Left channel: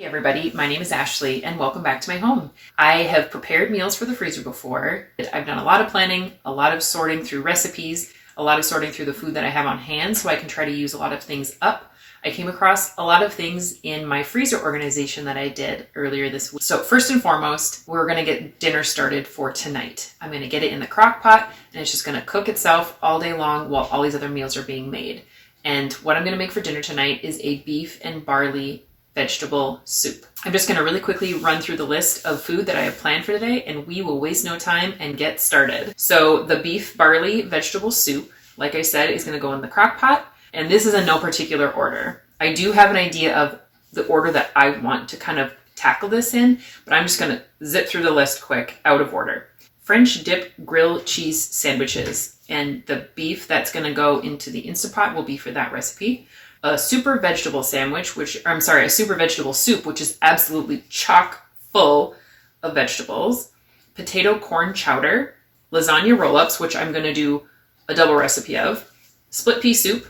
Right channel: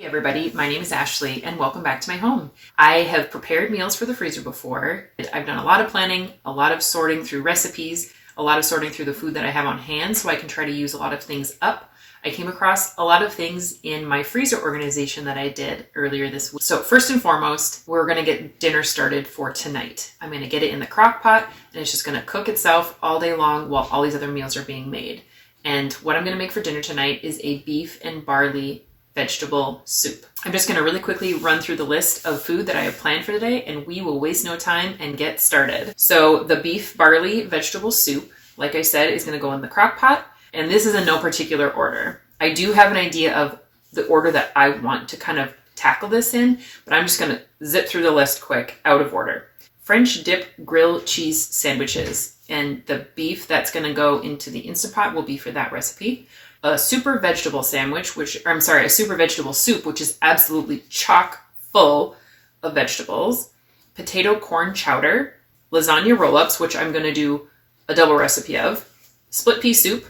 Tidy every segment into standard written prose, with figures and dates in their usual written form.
Hey everybody, my name is Ashley and welcome back to my home. I have prepared meals for the freezer before. I've done a lot of planning, a lot of sorting through recipes, a lot of sorting through the food that I have on hand so I can try to use a lot of things up. I came across a lot of things in my freezer organization that I did earlier this week. So first and foremost, we're going to get dinner started for tonight. I'm going to get it in the crock pot and it's just going to cook itself all day long while all these other meals are being made. And what I'm going to make for dinner tonight is a beef and barley vegetable soup. I'm just going to really quickly run through the list of food that I have planned for today and we will waste no time and get started. So the beef barley vegetable soup, like I said, is going to go in the crock pot, and this is in no particular order. I do have an idea of the order that I want to kind of tackle this in, but I'm just going to zip through the list quick out of order. French dip grilled cheese sandwiches, and the beef that's going to go into the Instant Pot will be for that recipe. A super vegetable sandwich, a super vegetable soup, which is absolutely chock full of vegetables. Potato corn chowder, lasagna roll-ups, which I'm going to do a double recipe of. Split pea soup,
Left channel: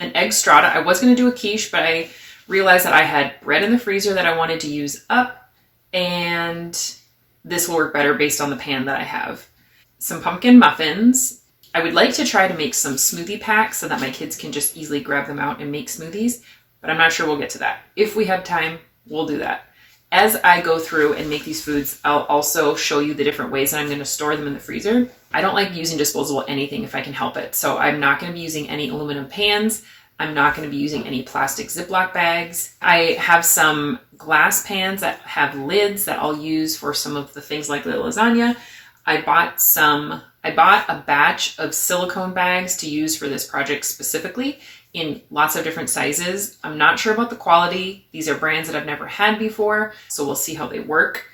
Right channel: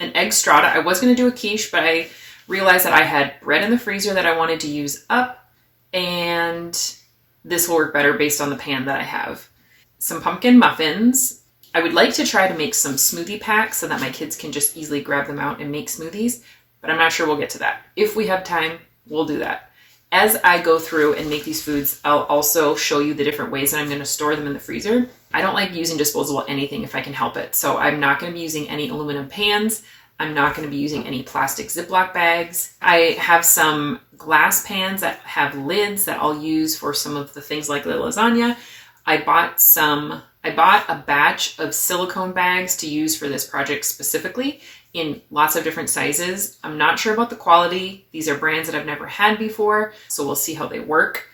an egg strata. I was going to do a quiche, but I realized that I had bread in the freezer that I wanted to use up, and this will work better based on the pan that I have. Some pumpkin muffins. I would like to try to make some smoothie packs so that my kids can just easily grab them out and make smoothies, but I'm not sure we'll get to that. If we have time, we'll do that. As I go through and make these foods, I'll also show you the different ways that I'm going to store them in the freezer. I don't like using disposable anything if I can help it, so I'm not going to be using any aluminum pans. I'm not going to be using any plastic Ziploc bags. I have some glass pans that have lids that I'll use for some of the things like the lasagna. I bought a batch of silicone bags to use for this project specifically in lots of different sizes. I'm not sure about the quality. These are brands that I've never had before, so we'll see how they work.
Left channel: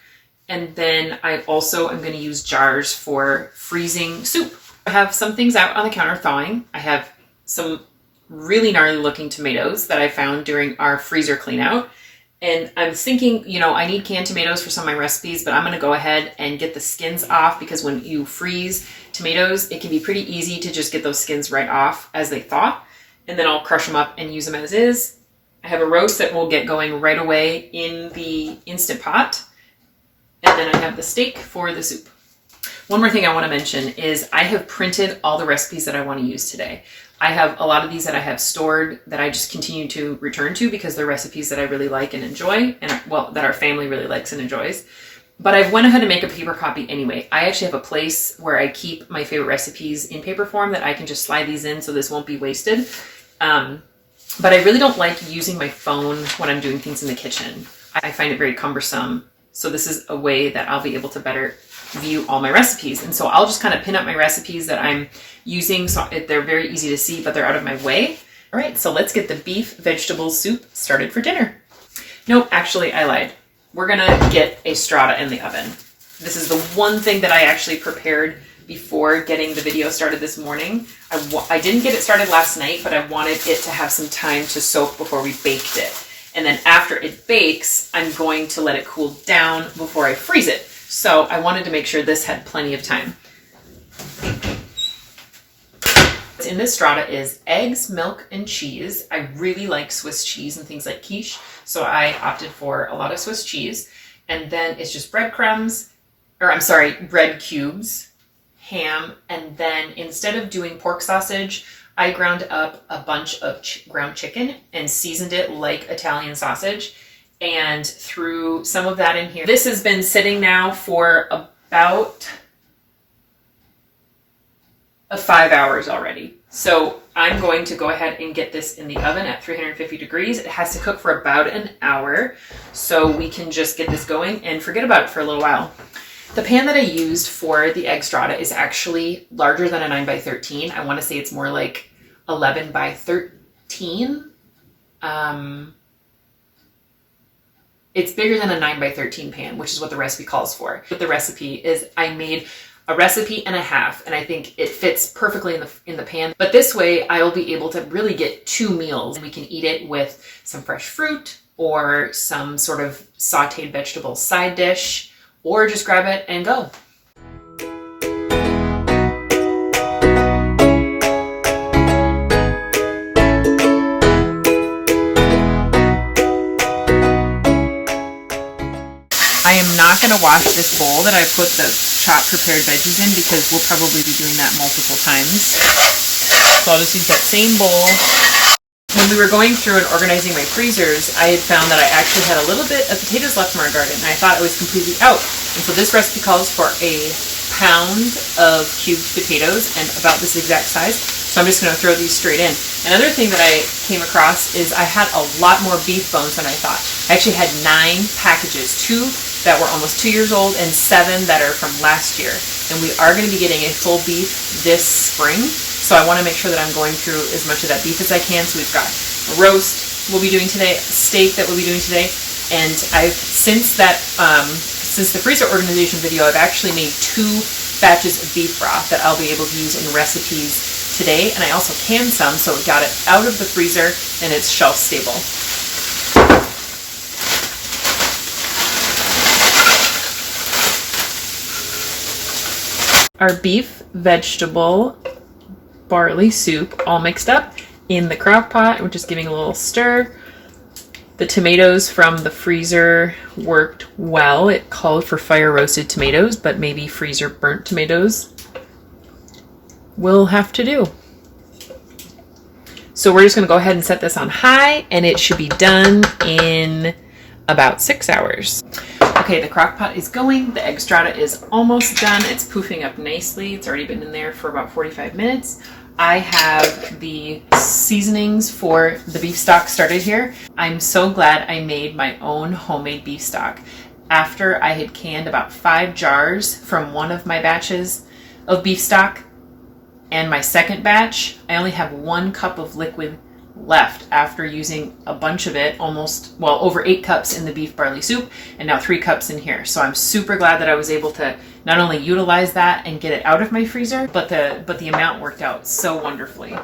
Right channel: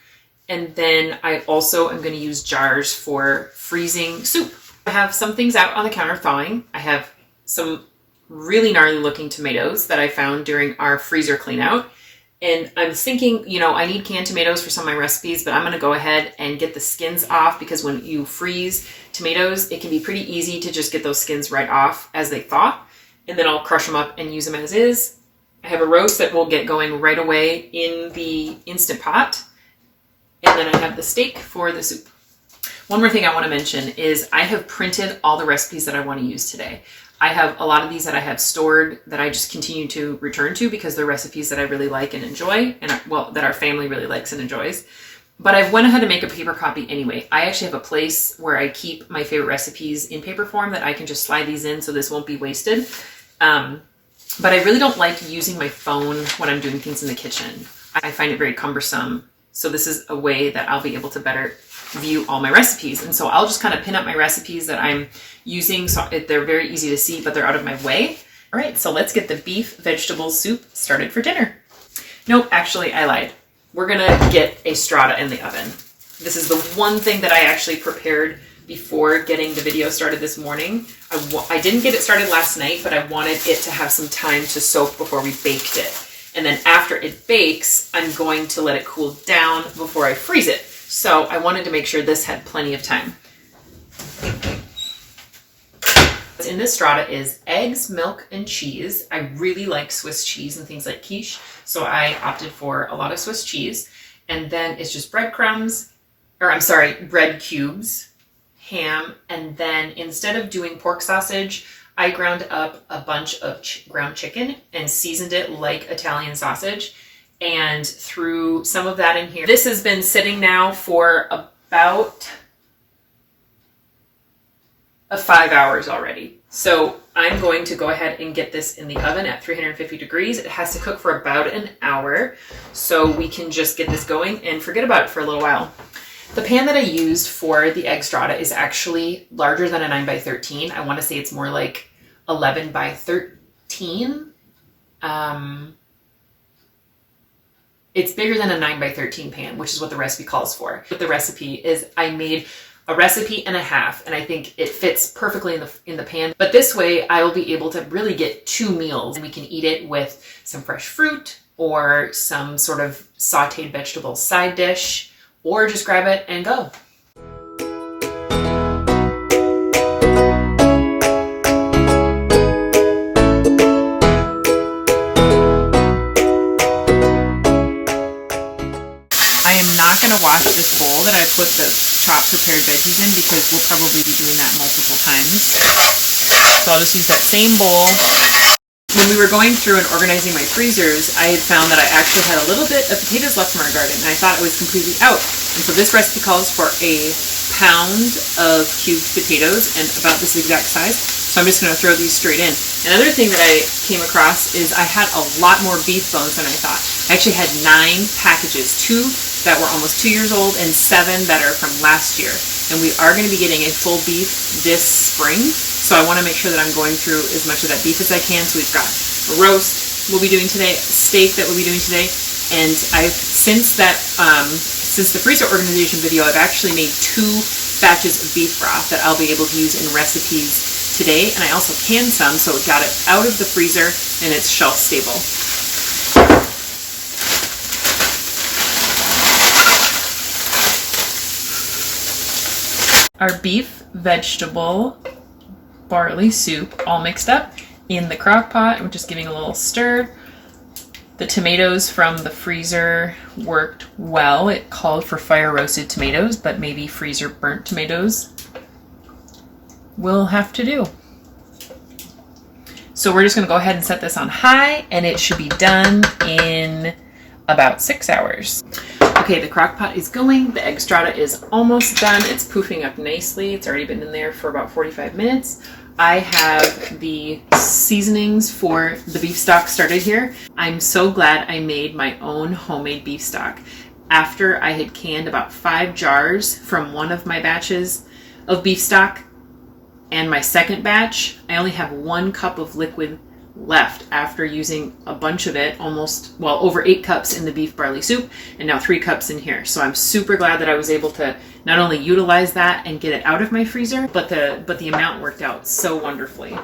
And then I also am going to use jars for freezing soup. I have some things out on the counter thawing. I have some really gnarly looking tomatoes that I found during our freezer clean out. And I'm thinking, I need canned tomatoes for some of my recipes, but I'm going to go ahead and get the skins off because when you freeze tomatoes, it can be pretty easy to just get those skins right off as they thaw. And then I'll crush them up and use them as is. I have a roast that will get going right away in the Instant Pot. And then I have the steak for the soup. One more thing I want to mention is I have printed all the recipes that I want to use today. I have a lot of these that I have stored that I just continue to return to because they're recipes that I really like and enjoy, and that our family really likes and enjoys. But I've went ahead to make a paper copy anyway. I actually have a place where I keep my favorite recipes in paper form that I can just slide these in so this won't be wasted. But I really don't like using my phone when I'm doing things in the kitchen. I find it very cumbersome. So this is a way that I'll be able to better view all my recipes. And so I'll just kind of pin up my recipes that I'm using so they're very easy to see, but they're out of my way. All right, so let's get the beef vegetable soup started for dinner. Nope, actually I lied. We're gonna get a strata in the oven. This is the one thing that I actually prepared before getting the video started this morning. I didn't get it started last night, but I wanted it to have some time to soak before we baked it. And then after it bakes, I'm going to let it cool down before I freeze it. So I wanted to make sure this had plenty of time. What's in this strata is eggs, milk, and cheese. I really like Swiss cheese and things like quiche, so I opted for a lot of Swiss cheese. And then it's just bread cubes, ham, and then instead of doing pork sausage, I ground up a bunch of ground chicken and seasoned it like Italian sausage and threw some of that in here. This has been sitting now for about 5 hours already. So I'm going to go ahead and get this in the oven at 350 degrees. It has to cook for about an hour, so we can just get this going and forget about it for a little while. The pan that I used for the egg strata is actually larger than a 9 by 13. I want to say it's more like 11 by 13. It's bigger than a 9 by 13 pan, which is what the recipe calls for. But the recipe is I made a recipe and a half, and I think it fits perfectly in the pan. But this way I will be able to really get 2 meals, and we can eat it with some fresh fruit or some sort of sauteed vegetable side dish, or just grab it and go. not going to wash this bowl that I put the chopped prepared veggies in because we'll probably be doing that multiple times. So I'll just use that same bowl. When we were going through and organizing my freezers, I had found that I actually had a little bit of potatoes left from our garden, and I thought it was completely out. And so this recipe calls for a pound of cubed potatoes and about this exact size. So I'm just going to throw these straight in. Another thing that I came across is I had a lot more beef bones than I thought. I actually had 9 packages, 2 that were almost 2 years old and 7 that are from last year. And we are going to be getting a full beef this spring. So I want to make sure that I'm going through as much of that beef as I can. So we've got a roast we'll be doing today, a steak that we'll be doing today, and since the freezer organization video, I've actually made 2 batches of beef broth that I'll be able to use in recipes today, and I also canned some, so it got it out of the freezer and it's shelf stable. Our beef, vegetable, barley soup all mixed up in the crock pot. We're just giving a little stir. The tomatoes from the freezer worked well. It called for fire roasted tomatoes, but maybe freezer burnt tomatoes will have to do. So we're just going to go ahead and set this on high, and it should be done in about 6 hours. Okay, the crock pot is going. The egg strata is almost done. It's poofing up nicely. It's already been in there for about 45 minutes. I have the seasonings for the beef stock started here. I'm so glad I made my own homemade beef stock. After I had canned about 5 jars from one of my batches of beef stock and my second batch, I only have 1 cup of liquid left after using a bunch of it, over 8 cups in the beef barley soup and now 3 cups in here. So I'm super glad that I was able to not only utilize that and get it out of my freezer, but the amount worked out so wonderfully.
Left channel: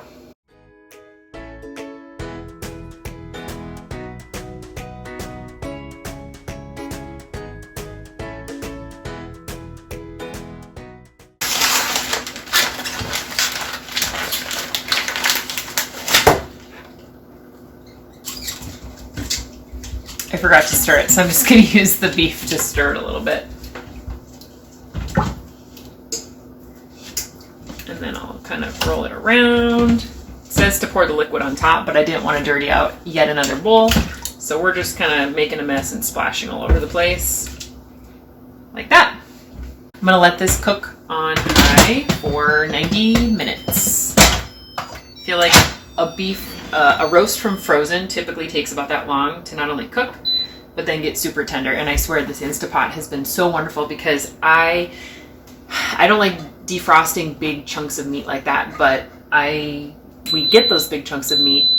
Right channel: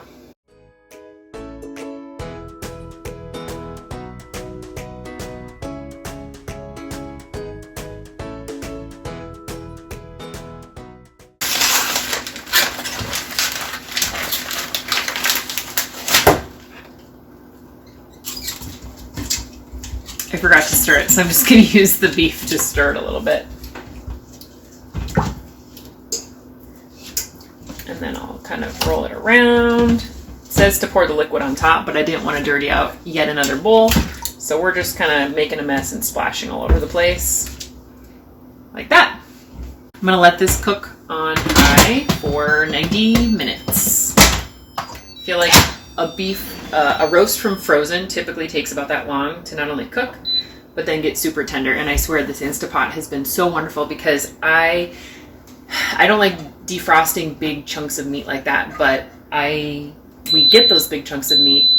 I forgot to stir it, so I'm just going to use the beef to stir it a little bit. And then I'll kind of roll it around. It says to pour the liquid on top, but I didn't want to dirty out yet another bowl. So we're just kind of making a mess and splashing all over the place. Like that. I'm going to let this cook on high for 90 minutes. I feel like a roast from frozen typically takes about that long to not only cook, but then get super tender. And I swear this Instapot has been so wonderful because I don't like defrosting big chunks of meat like that, but we get those big chunks of meat.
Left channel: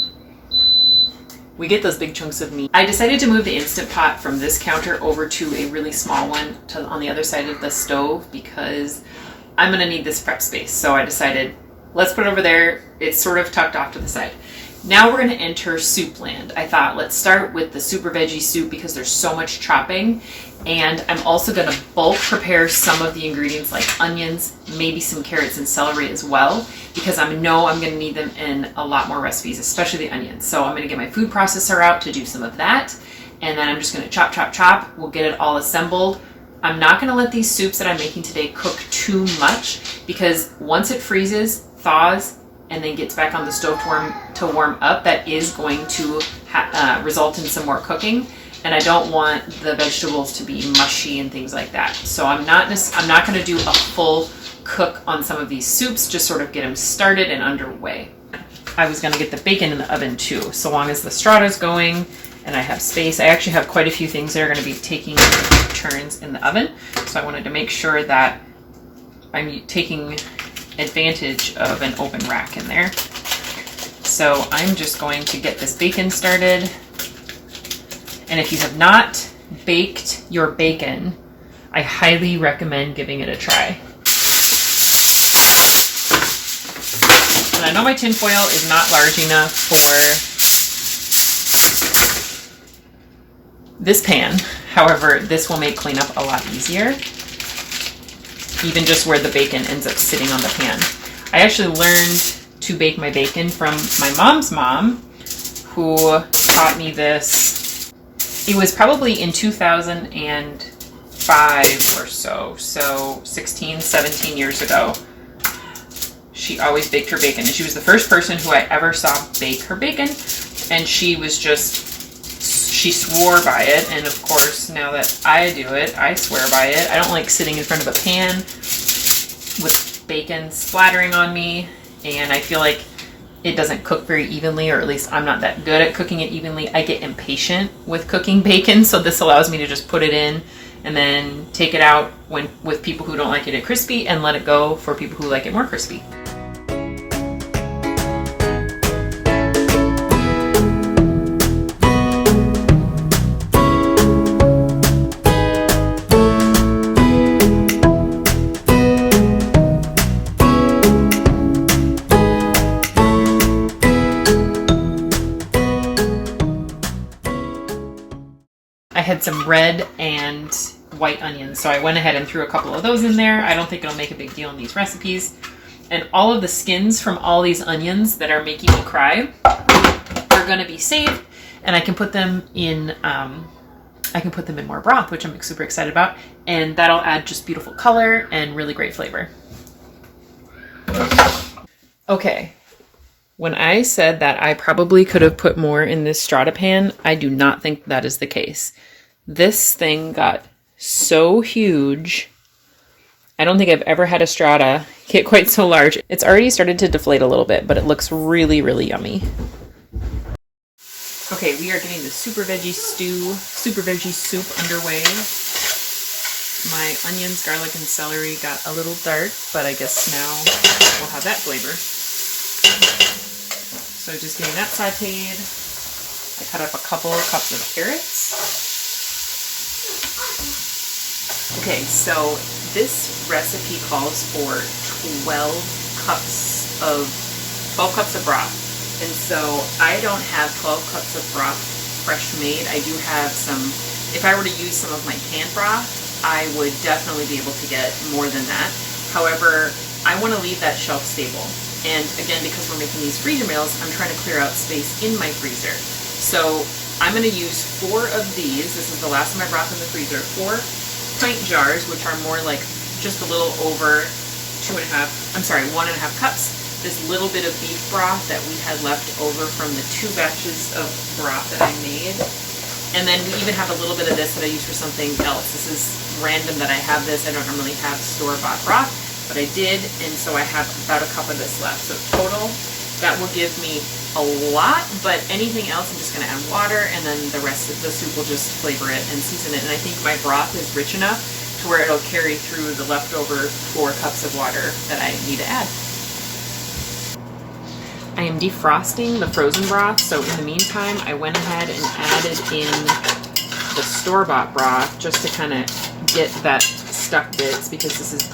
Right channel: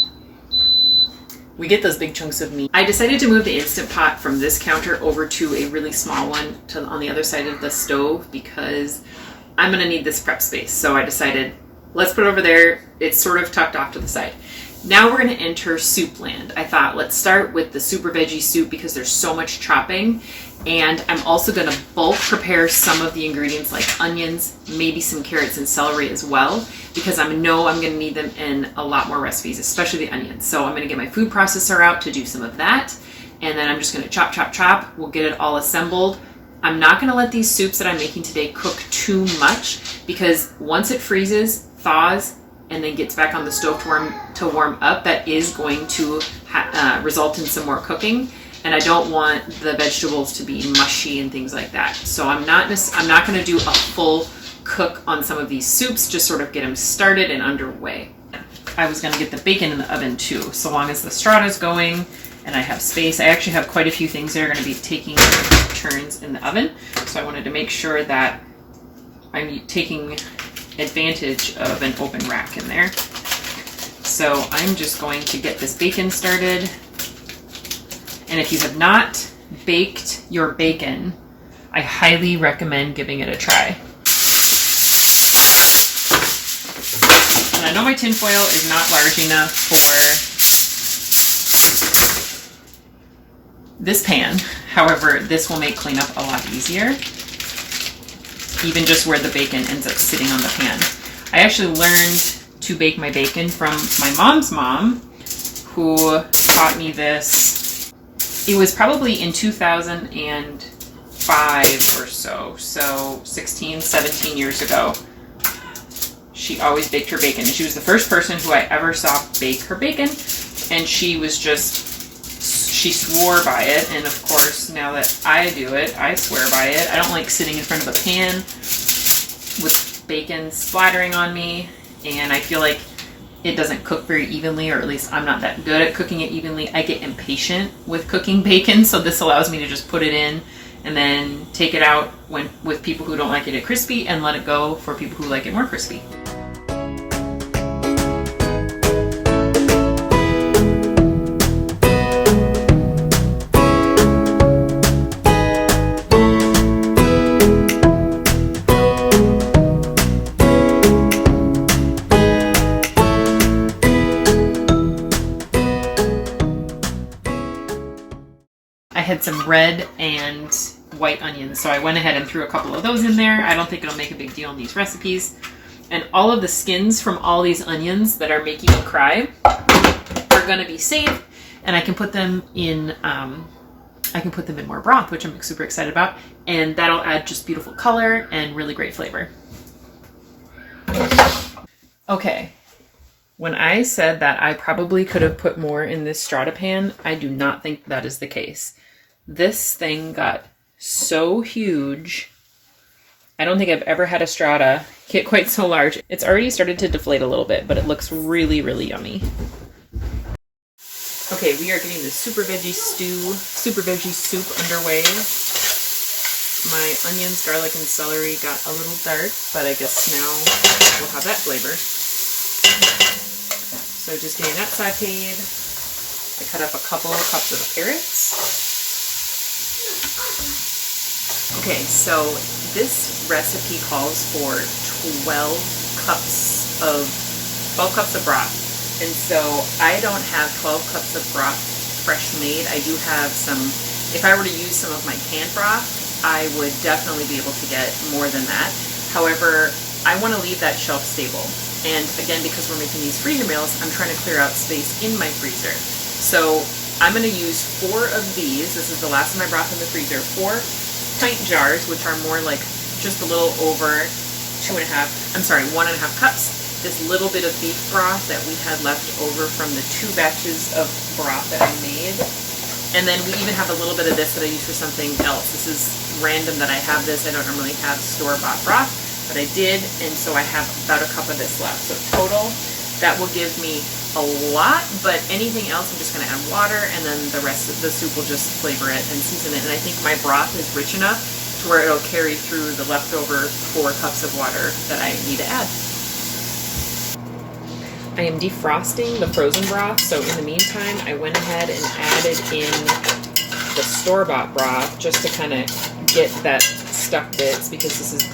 I decided to move the Instant Pot from this counter over to a really small one on the other side of the stove because I'm gonna need this prep space. So I decided, let's put it over there. It's sort of tucked off to the side. Now we're going to enter soup land. I thought let's start with the super veggie soup because there's so much chopping, and I'm also going to bulk prepare some of the ingredients like onions, maybe some carrots and celery as well, because I know I'm going to need them in a lot more recipes, especially the onions. So I'm going to get my food processor out to do some of that, and then I'm just going to chop. We'll get it all assembled. I'm not going to let these soups that I'm making today cook too much because once it freezes, thaws, and then gets back on the stove to warm up, that is going to result in some more cooking. And I don't want the vegetables to be mushy and things like that. So I'm not going to do a full cook on some of these soups, just sort of get them started and underway. I was going to get the bacon in the oven too, so long as the strata's going and I have space. I actually have quite a few things that are going to be taking turns in the oven. So I wanted to make sure that I'm taking advantage of an open rack in there. So I'm just going to get this bacon started. And if you have not baked your bacon, I highly recommend giving it a try. And I know my tin foil is not large enough for this pan. However, this will make cleanup a lot easier, even just where the bacon ends up sitting on the pan. I actually learned to bake my bacon from my mom's mom, who taught me this. It was probably in 2000 and 5 or so 16, 17 years ago. She always baked her bacon, and she was the first person who I ever saw bake her bacon, and she swore by it. And of course, now that I do it, I swear by it. I don't like sitting in front of a pan with bacon splattering on me, and I feel like it doesn't cook very evenly, or at least I'm not that good at cooking it evenly. I get impatient with cooking bacon, so this allows me to just put it in and then take it out with people who don't like it crispy, and let it go for people who like it more crispy. I had some red and white onions, so I went ahead and threw a couple of those in there. I don't think it'll make a big deal in these recipes. And all of the skins from all these onions that are making me cry are going to be saved, and I can put them in more broth, which I'm super excited about, and that'll add just beautiful color and really great flavor. Okay. When I said that I probably could have put more in this strata pan, I do not think that is the case. This thing got so huge. I don't think I've ever had a strata get quite so large. It's already started to deflate a little bit, but it looks really, really yummy. Okay, we are getting the super veggie soup underway. My onions, garlic, and celery got a little dark, but I guess now we'll have that flavor. So just getting that sauteed. I cut up a couple of cups of carrots. Okay, so this recipe calls for 12 cups of broth. And so I don't have 12 cups of broth fresh made. I do have some, if I were to use some of my canned broth, I would definitely be able to get more than that. However, I want to leave that shelf stable. And again, because we're making these freezer meals, I'm trying to clear out space in my freezer. So I'm going to use 4 of these. This is the last of my broth in the freezer. 4 pint jars, which are more like just a little over 1.5 cups. This little bit of beef broth that we had left over from the 2 batches of broth that I made. And then we even have a little bit of this that I use for something else. This is random that I have this. I don't normally have store-bought broth, but I did, and so I have about a cup of this left. So total, that will give me a lot, but anything else I'm just going to add water, and then the rest of the soup will just flavor it and season it. And I think my broth is rich enough to where it'll carry through the leftover 4 cups of water that I need to add. I am defrosting the frozen broth, so in the meantime, I went ahead and added in the store-bought broth just to kind of get that stuck bits, because this is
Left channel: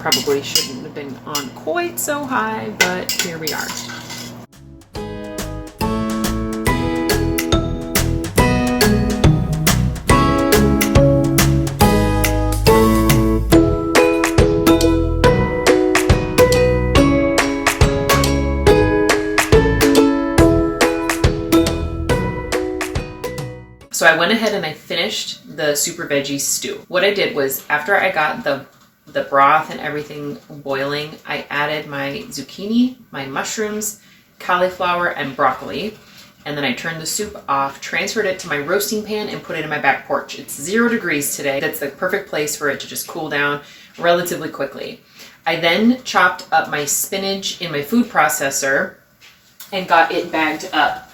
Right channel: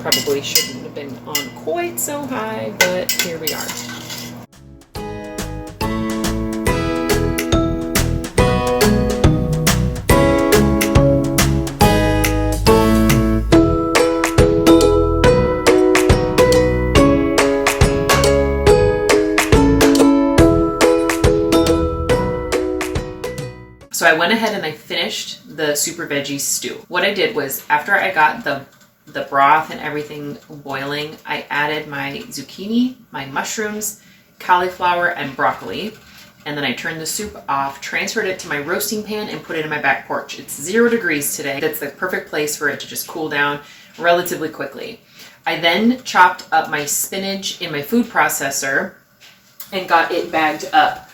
probably shouldn't have been on quite so high, but here we are. So I went ahead and I finished the super veggie stew. What I did was, after I got the broth and everything boiling, I added my zucchini, my mushrooms, cauliflower, and broccoli. And then I turned the soup off, transferred it to my roasting pan, and put it in my back porch. It's 0 degrees today. That's the perfect place for it to just cool down relatively quickly. I then chopped up my spinach in my food processor and got it bagged up.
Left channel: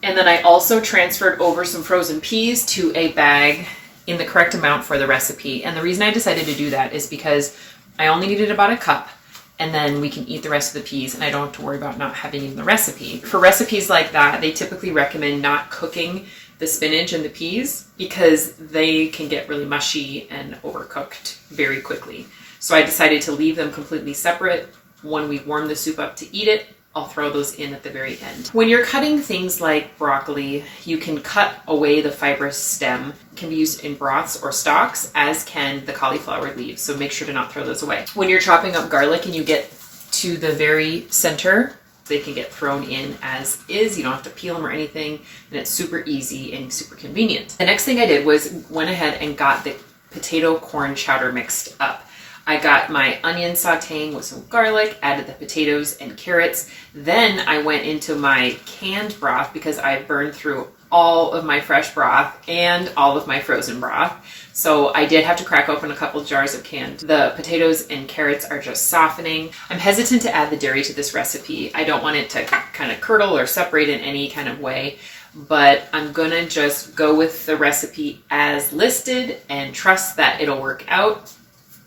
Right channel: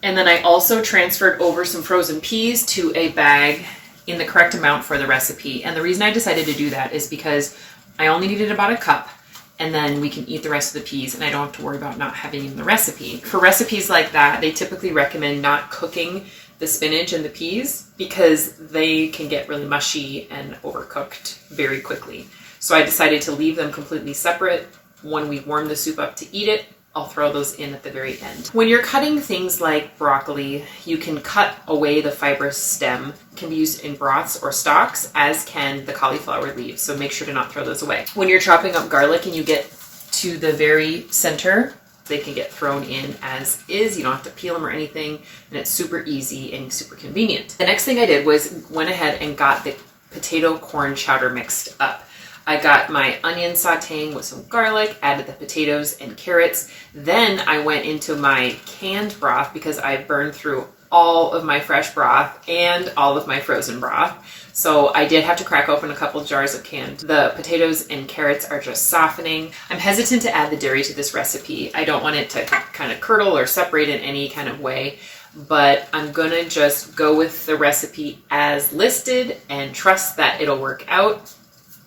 And then I also transferred over some frozen peas to a bag in the correct amount for the recipe. And the reason I decided to do that is because I only needed about a cup, and then we can eat the rest of the peas, and I don't have to worry about not having in the recipe. For recipes like that, they typically recommend not cooking the spinach and the peas because they can get really mushy and overcooked very quickly. So I decided to leave them completely separate. When we warm the soup up to eat it, I'll throw those in at the very end. When you're cutting things like broccoli, you can cut away the fibrous stem. It can be used in broths or stocks, as can the cauliflower leaves, so make sure to not throw those away. When you're chopping up garlic and you get to the very center, they can get thrown in as is. You don't have to peel them or anything, and it's super easy and super convenient. The next thing I did was went ahead and got the potato corn chowder mixed up. I got my onion sauteing with some garlic, added the potatoes and carrots. Then I went into my canned broth because I burned through all of my fresh broth and all of my frozen broth. So I did have to crack open a couple jars of canned. The potatoes and carrots are just softening. I'm hesitant to add the dairy to this recipe. I don't want it to kind of curdle or separate in any kind of way, but I'm gonna just go with the recipe as listed and trust that it'll work out.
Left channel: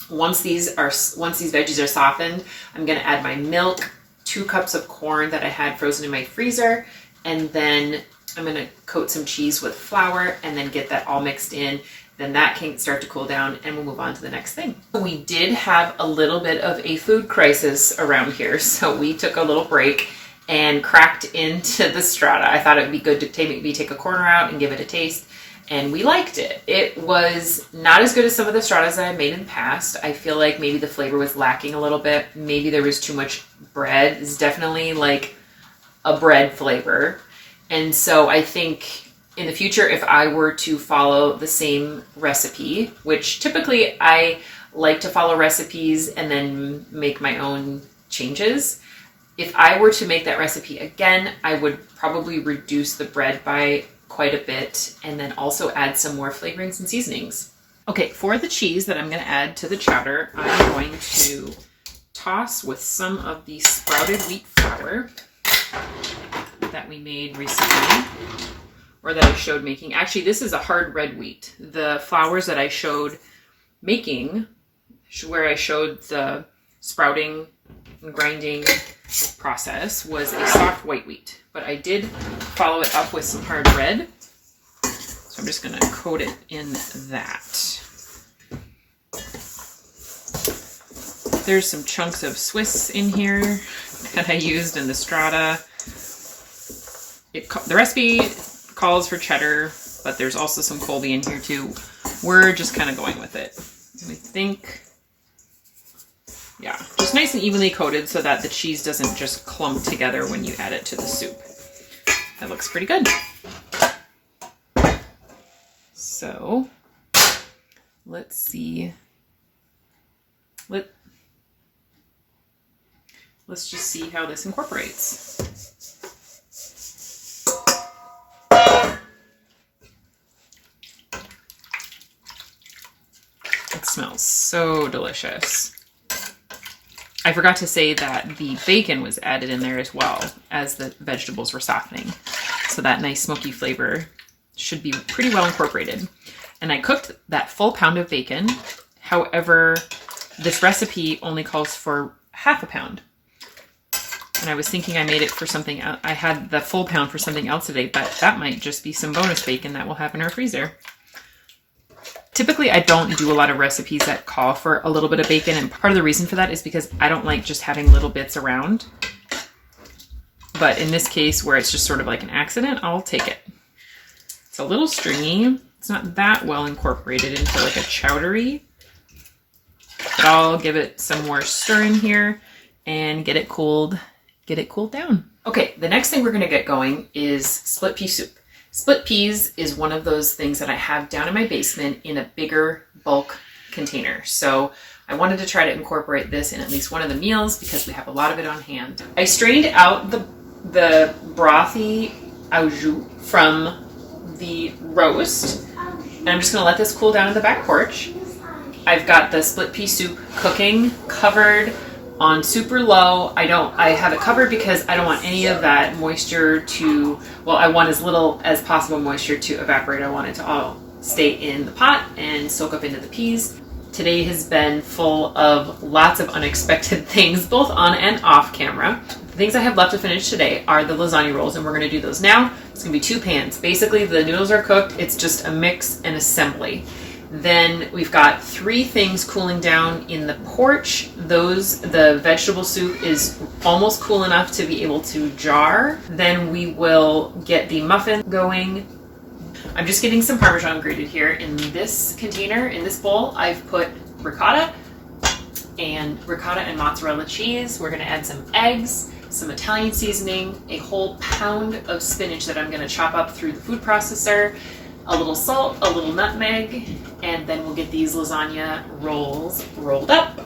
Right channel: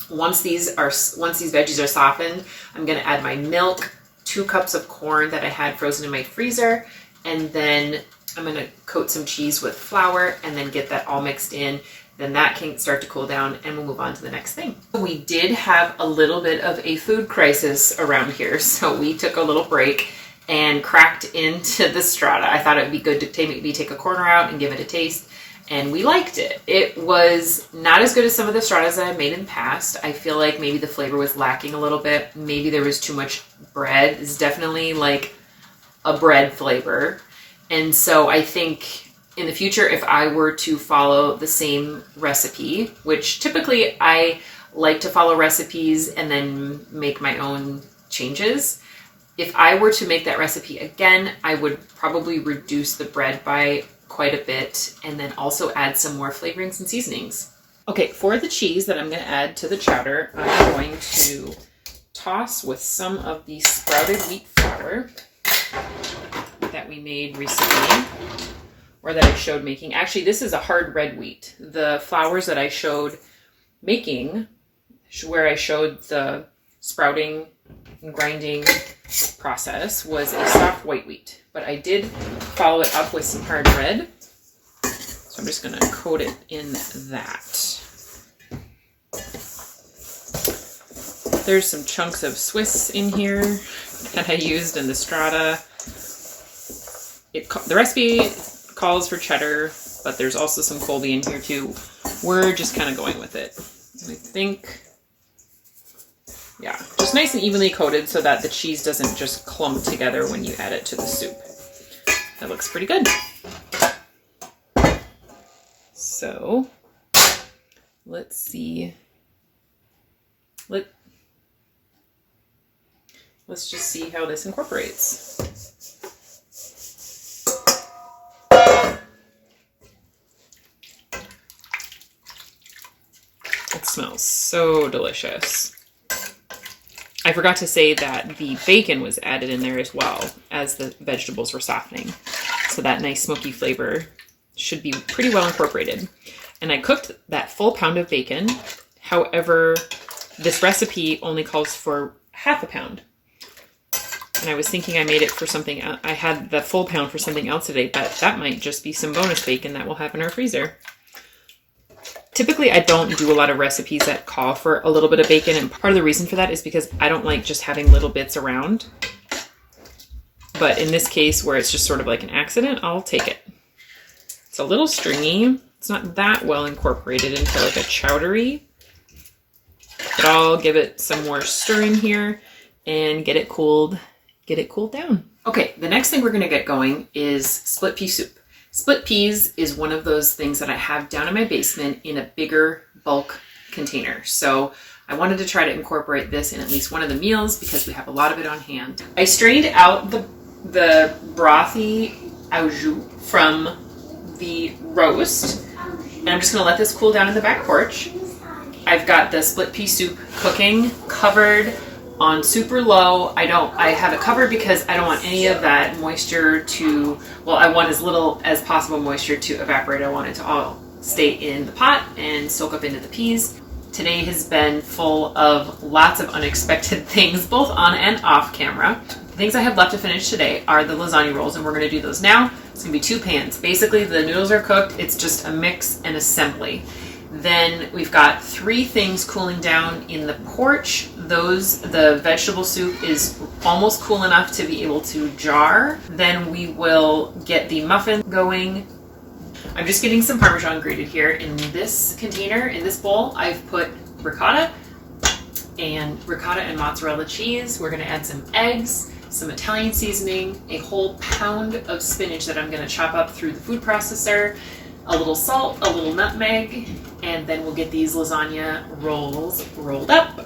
Once these veggies are softened, I'm gonna add my milk, 2 cups of corn that I had frozen in my freezer, and then I'm gonna coat some cheese with flour and then get that all mixed in. Then that can start to cool down and we'll move on to the next thing. We did have a little bit of a food crisis around here, so we took a little break and cracked into the strata. I thought it would be good to maybe take a corner out and give it a taste. And we liked it. It was not as good as some of the stratas that I made in the past. I feel like maybe the flavor was lacking a little bit. Maybe there was too much bread. It's definitely like a bread flavor. And so I think in the future, if I were to follow the same recipe, which typically I like to follow recipes and then make my own changes. If I were to make that recipe again, I would probably reduce the bread by quite a bit and then also add some more flavorings and seasonings. Okay, for the cheese that I'm going to add to the chowder, I'm going to toss with some of the sprouted wheat flour that we made recently, or that I showed making. Actually, this is a hard red wheat. The flours that I showed making, where I showed the sprouting and grinding process, was a soft white wheat. But I did follow it up with some hard red. So I'm just going to coat it in that. There's some chunks of Swiss in here that I used in the strata. The recipe calls for cheddar, but there's also some Colby in here too. We're just kind of going with it. I think, yeah, just nice and evenly coated so that the cheese doesn't just clump together when you add it to the soup. That looks pretty good. So let's see. Let's just see how this incorporates. It smells so delicious. I forgot to say that the bacon was added in there as well as the vegetables were softening. So that nice smoky flavor should be pretty well incorporated. And I cooked that full pound of bacon. However, this recipe only calls for half a pound. And I was thinking I made it for something else. I had the full pound for something else today, but that might just be some bonus bacon that we'll have in our freezer. Typically, I don't do a lot of recipes that call for a little bit of bacon, and part of the reason for that is because I don't like just having little bits around. But in this case, where it's just sort of like an accident, I'll take it. It's a little stringy. It's not that well incorporated into like a chowdery, but I'll give it some more stir in here and get it cooled down. Okay, the next thing we're gonna get going is split pea soup. Split peas is one of those things that I have down in my basement in a bigger bulk container. So I wanted to try to incorporate this in at least one of the meals because we have a lot of it on hand. I strained out the brothy au jus from the roast, and I'm just gonna let this cool down in the back porch. I've got the split pea soup cooking, covered on super low. I have it covered because I don't want any of that moisture to, well, I want as little as possible moisture to evaporate. I want it to all stay in the pot and soak up into the peas. Today has been full of lots of unexpected things, both on and off camera. The things I have left to finish today are the lasagna rolls, and we're going to do those now. It's going to be 2 pans. Basically, the noodles are cooked. It's just a mix and assembly. Then we've got 3 things cooling down in the porch. The vegetable soup is almost cool enough to be able to jar. Then we will get the muffin going. I'm just getting some Parmesan grated here in this container. In this bowl, I've put ricotta and mozzarella cheese. We're gonna add some eggs, some Italian seasoning, a whole pound of spinach that I'm gonna chop up through the food processor, a little salt, a little nutmeg, and then we'll get these lasagna rolls rolled up.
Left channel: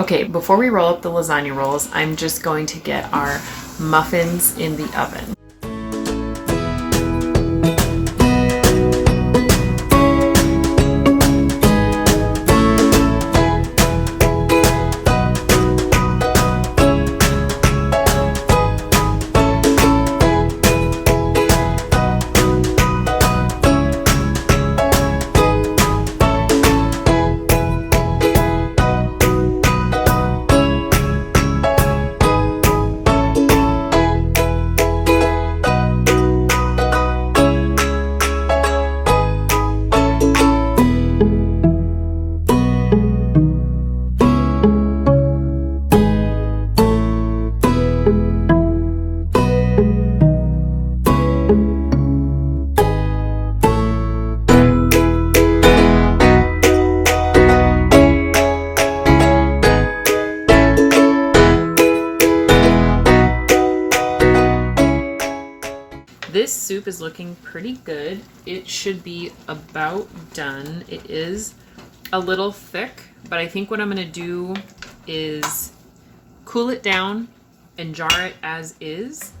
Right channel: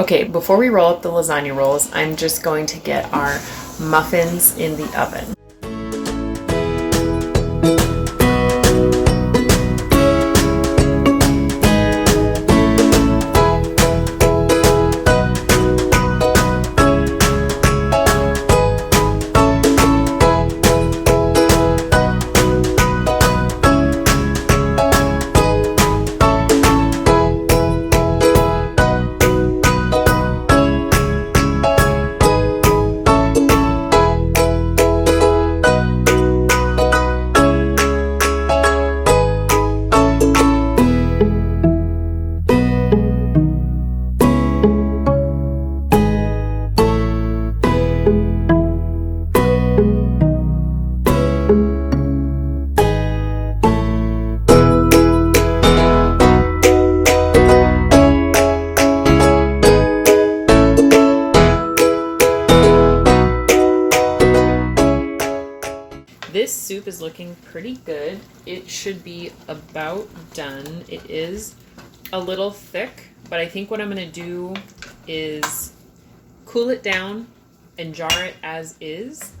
Okay, before we roll up the lasagna rolls, I'm just going to get our muffins in the oven. This soup is looking pretty good. It should be about done. It is a little thick, but I think what I'm going to do is cool it down and jar it as is.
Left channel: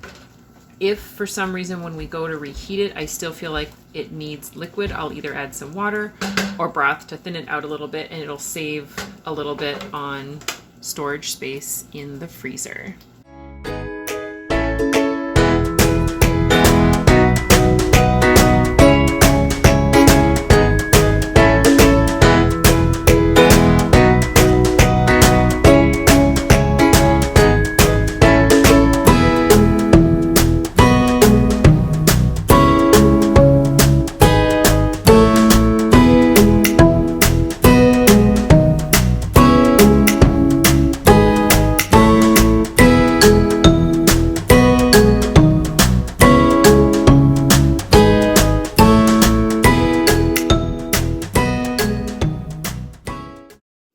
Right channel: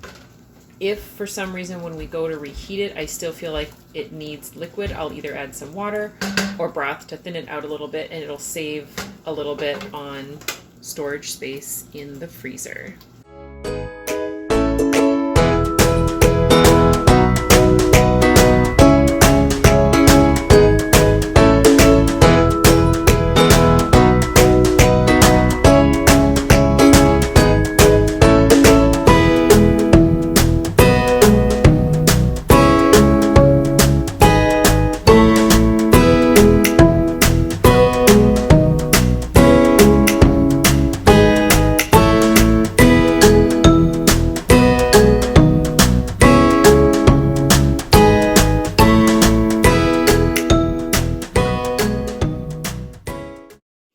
If for some reason when we go to reheat it, I still feel like it needs liquid, I'll either add some water or broth to thin it out a little bit, and it'll save a little bit on storage space in the freezer.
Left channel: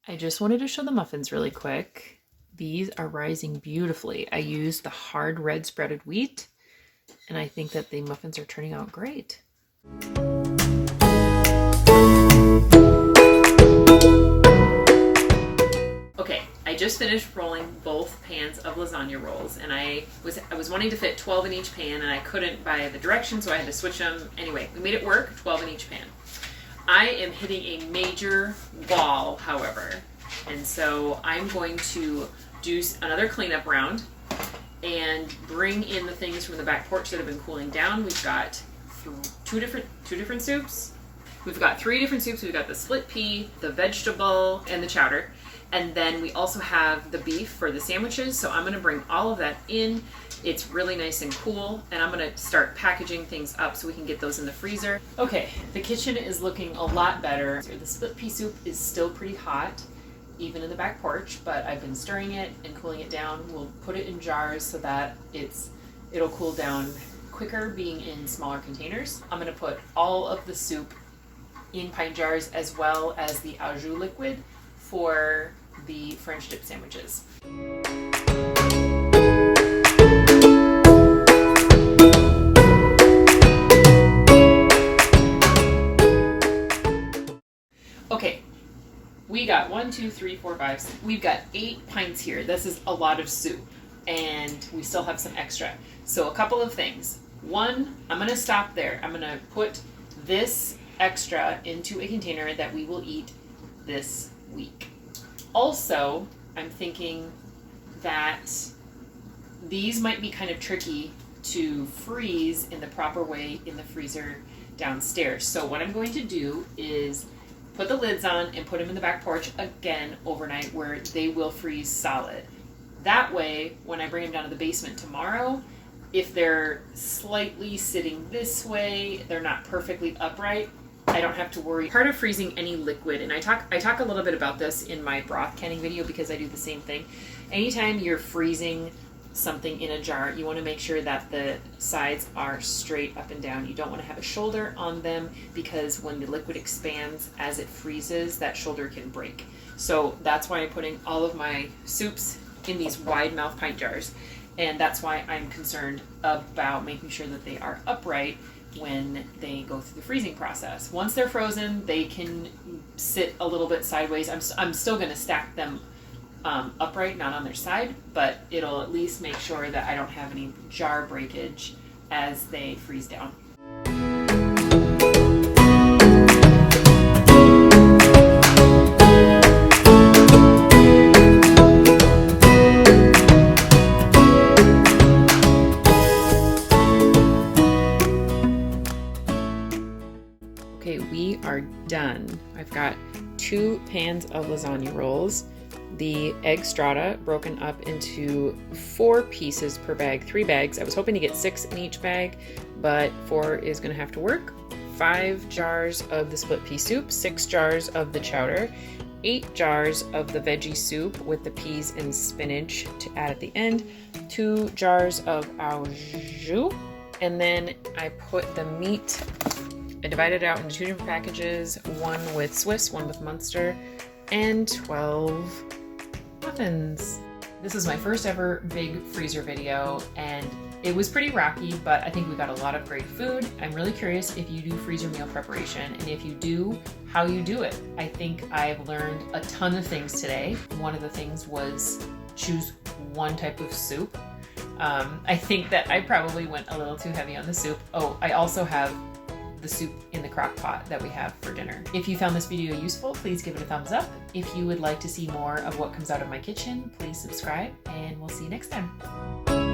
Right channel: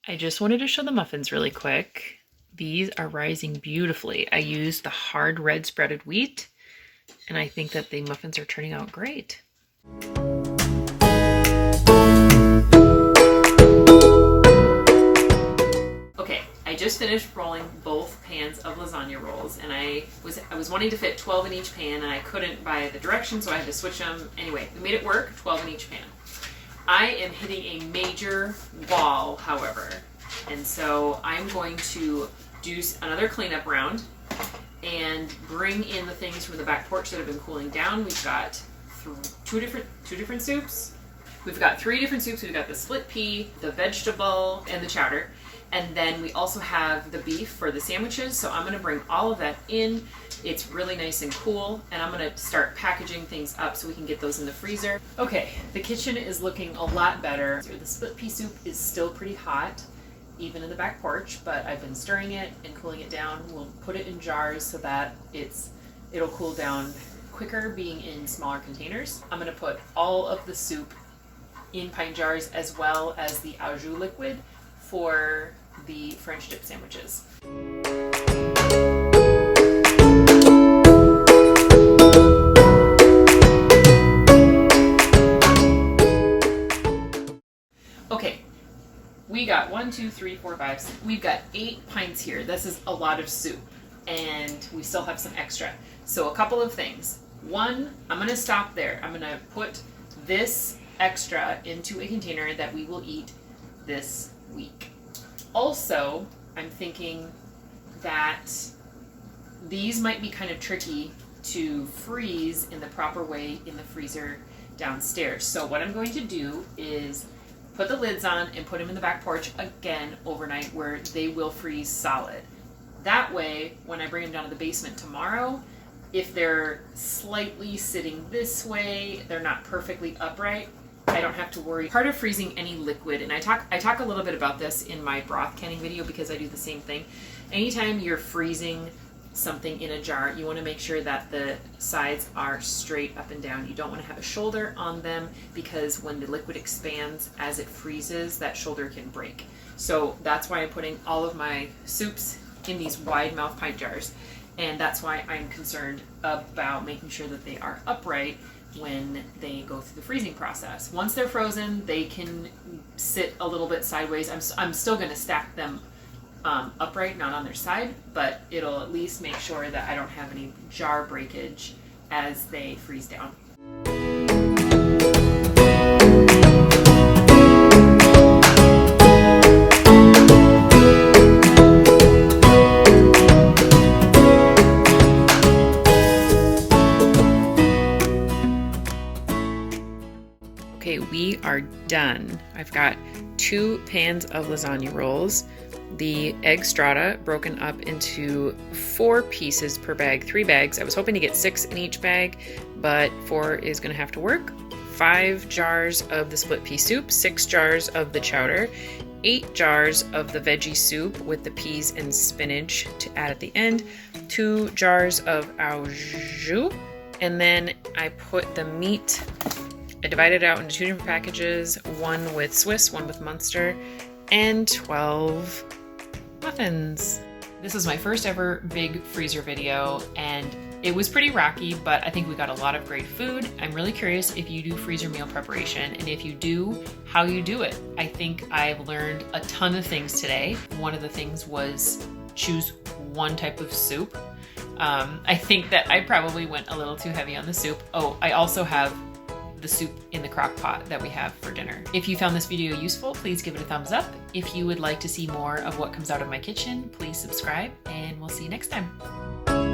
I just wanted to show the muffins really quick. These are rising beautifully. I used the hard red spreaded wheat, and I think that the muffins are turning out great. Okay, I just finished rolling both pans of lasagna rolls, and I was wanting to fit 12 in each pan, and I couldn't by the directions, so I had to switch them. Anyway, we made it work, 12 in each pan. I am hitting a major wall, however, and so I'm going to do another cleanup round and bring in the things from the back porch that have been cooling down. We've got two different soups. We've got 3 different soups. We've got the split pea, the vegetable, and the chowder. And then we also have the beef for the sandwiches. So I'm going to bring all of that in. It's really nice and cool, and I'm going to start packaging things up so we can get those in the freezer. Okay, the kitchen is looking a lot better. The split pea soup is still pretty hot, even in the back porch, but I've been stirring it and cooling it down. We'll put it in jars so that it'll cool down quicker being in smaller containers. I'm going to put all of the soup in pint jars as well as the au jus liquid for the French dip sandwiches. Okay, we got 1, 2, 3, 4, 5, 6. We've got 8 pints here. This is a lot of soup, and we still have some extra. So a couple of things. One, I'm going to stop there. I'm going to put this extra into a container that we will eat this week. Also, I'm thinking that these might be kind of tricky to freeze in the proper way in the freezer downstairs. So what I'm going to do is put the lids on and put them in the back porch again overnight where they will freeze solid. That way, when I bring them down to the basement tomorrow, if they're slightly sitting this way, they're not perfectly upright, I don't have to worry. Part of freezing any liquid, and I talk a little bit about this in my broth canning video because I do the same thing. Anytime you're freezing something in a jar, you want to make sure that the sides are straight up and down. You don't want to have a shoulder on them because when the liquid expands as it freezes, that shoulder can break. So that's why I'm putting all of my soups in these wide mouth pint jars. And that's why I'm concerned about making sure that they are upright when they go through the freezing process. Once they're frozen, they can sit a little bit sideways. I'm still going to stack them upright, not on their side, but it'll at least make sure that I don't have any jar breakage as they freeze down. Okay, we are done. I've got 2 pans of lasagna rolls, the egg strata broken up into 4 pieces per bag, 3 bags. I was hoping to get 6 in each bag, but 4 is going to have to work. 5 jars of the split pea soup, 6 jars of the chowder, 8 jars of the veggie soup with the peas and spinach to add at the end, 2 jars of au jus, and then I put the meat. I divided it out into 2 different packages, one with Swiss, one with Munster, and 12 muffins. This is my first ever big freezer video, and it was pretty rocky, but I think we got a lot of great food. I'm really curious if you do freezer meal preparation, and if you do, how you do it. I think I've learned a ton of things today. One of the things was choose one type of soup. I think that I probably went a little too heavy on the soup. Oh, I also have the soup in the crock pot that we have for dinner. If you found this video useful, please give it a thumbs up. If you would like to see more of what comes out of my kitchen, please subscribe, and we'll see you next time.